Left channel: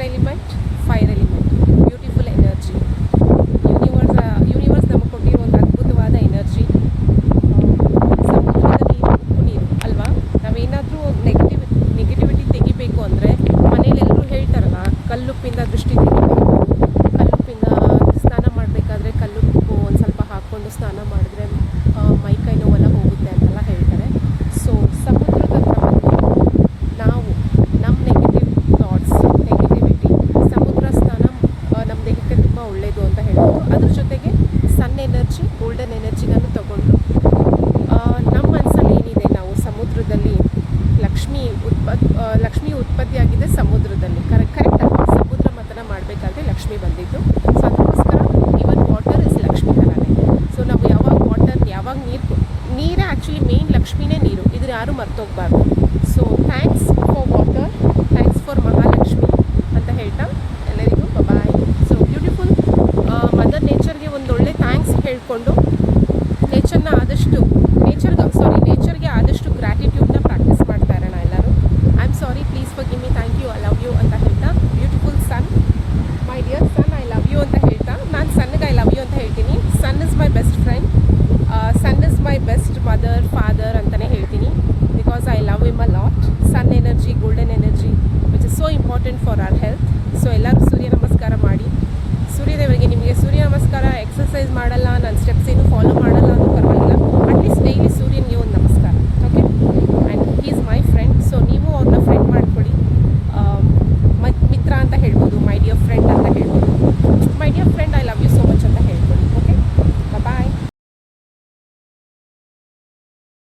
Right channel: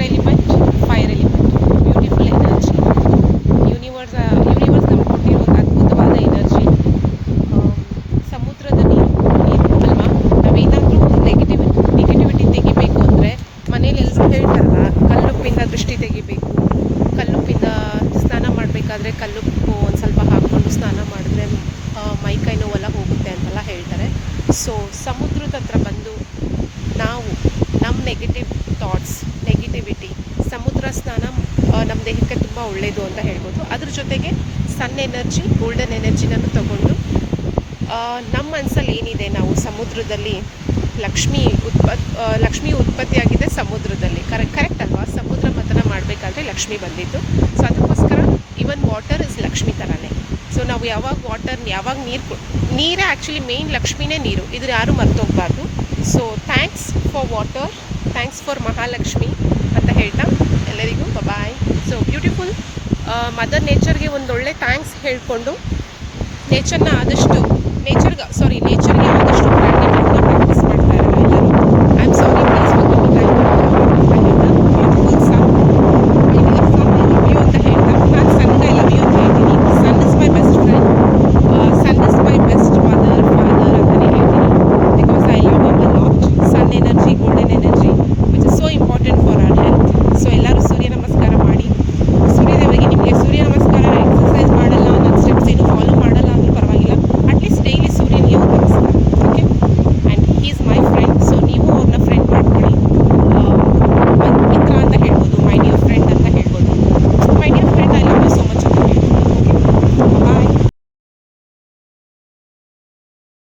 Air element, fire element, beautiful energy. Universe ನಮ್ಗೆ ಕೊಟ್ಟಿರೋ ಒಂದು ಅದ್ಭುತವಾದ ಎನರ್ಜಿ. ಸಮುದ್ರದ ನೀರು ಅಲ್ವಾ. ನಾವೇನಾದರೂ ಒಂದು ನೆಗೆಟಿವಿಟಿ ತೆಗಿಬೇಕು ಅಂದರೆ ಮನೇಲಿ ಎಲ್ಲರೂ ಹೇಳ್ತಾರಲ್ಲ, ಕಲ್ಲುಪ್ಪಿಂದ ದೃಷ್ಟಿ ತೆಗಿಬೇಕು, ಕಲ್ಲುಪ್ಪಿಂದ ಸ್ನಾನ ಮಾಡಬೇಕಾದ್ರೆ ಕಲ್ಲುಪ್ಪು ಒಂದು ಸ್ವಲ್ಪ ಹಾಕ್ಕೊಂಡು ಸ್ನಾನ ಮಾಡಿದ್ರೆ ಮೈಕೈ ನೋವೆಲ್ಲ ಹೋಗುತ್ತೆ ಅಂತೆಲ್ಲ ಹೇಳ್ತಾರೆ. ಸೊ ಸಮುದ್ರದ ಹತ್ರ ಬಂದು ನಾವು ನಮ್ಮ ನೆಗೆಟಿವ್ ಥಾಟ್ಸ್, ನೆಗೆಟಿವಿಟಿ, ಸಮುದ್ರ ಸ್ನಾನ ನಮ್ಮ ದೇಹಕ್ಕೆ ತುಂಬ ಒಳ್ಳೆಯದು ಅಂತ ಹೇಳ್ಬೋದು. ಅದ್ರ ಜೊತೆಗೆ ಸನ್ ಎನರ್ಜಿ, ಗೋಲ್ಡನ್ ಎನರ್ಜಿನೂ ತಗೊಂಡು ನಮ್ಮ ಮನಸ್ಸಲ್ಲಿ ಏನಿದೆ, ನಾವು ಸಮುದ್ರದಲ್ಲಿ ಲಕ್ಷ್ಮಿ ಉತ್ಪತ್ತಿಯಾಗಿದೆ ಸಮುದ್ರದಲ್ಲಿ. ಕರೆಕ್ಟ್ ಅಲ್ವಾ. ಸಮುದ್ರ ಮಥನ ಮಾಡಬೇಕಾದ್ರೆ ಲಕ್ಷ್ಮಿ ಬಂದಿದ್ದು. ಸೊ ಅದಕ್ಕೋಸ್ಕರ ಈವನ್ ವಾಟರ್ ಇಸ್ ಲಕ್ಷ್ಮಿ ಥರನೇ. ಸೊ ನಾವು ಯಾವಾಗ ನೀರೇ ಆ್ಯಕ್ಚುಲಿ ಮೇಯ್ನ್ ಲಕ್ಷ್ಮಿನೇ ನೀರು. ಇದನ್ನು ಯಾರೂ ಮರ್ತೋಗ್ಬಾರ್ದು. So thanks for water, thanks for Mahalakshmi ಅಂತ ಹೇಳ್ತಾ ಎಲ್ಲರಿಗೂ ಬಾಯ್. ಸೊ ಬ್ಯೂಟಿಫುಲ್ ಮದರ್ ನೇಚರ್ಗೆ ಒಂದೊಳ್ಳೆ ಥ್ಯಾಂಕ್ಸ್ ಹೇಳಿಕೊಂಡು ನೇಚರ್ಗೆ ಆದಷ್ಟು ಗ್ರ್ಯಾಟಿಟ್ಯೂಡ್ನ ಪ್ರಾಕ್ಟೀಸ್ ಮಾಡ್ತಾ ಇರೋಣ.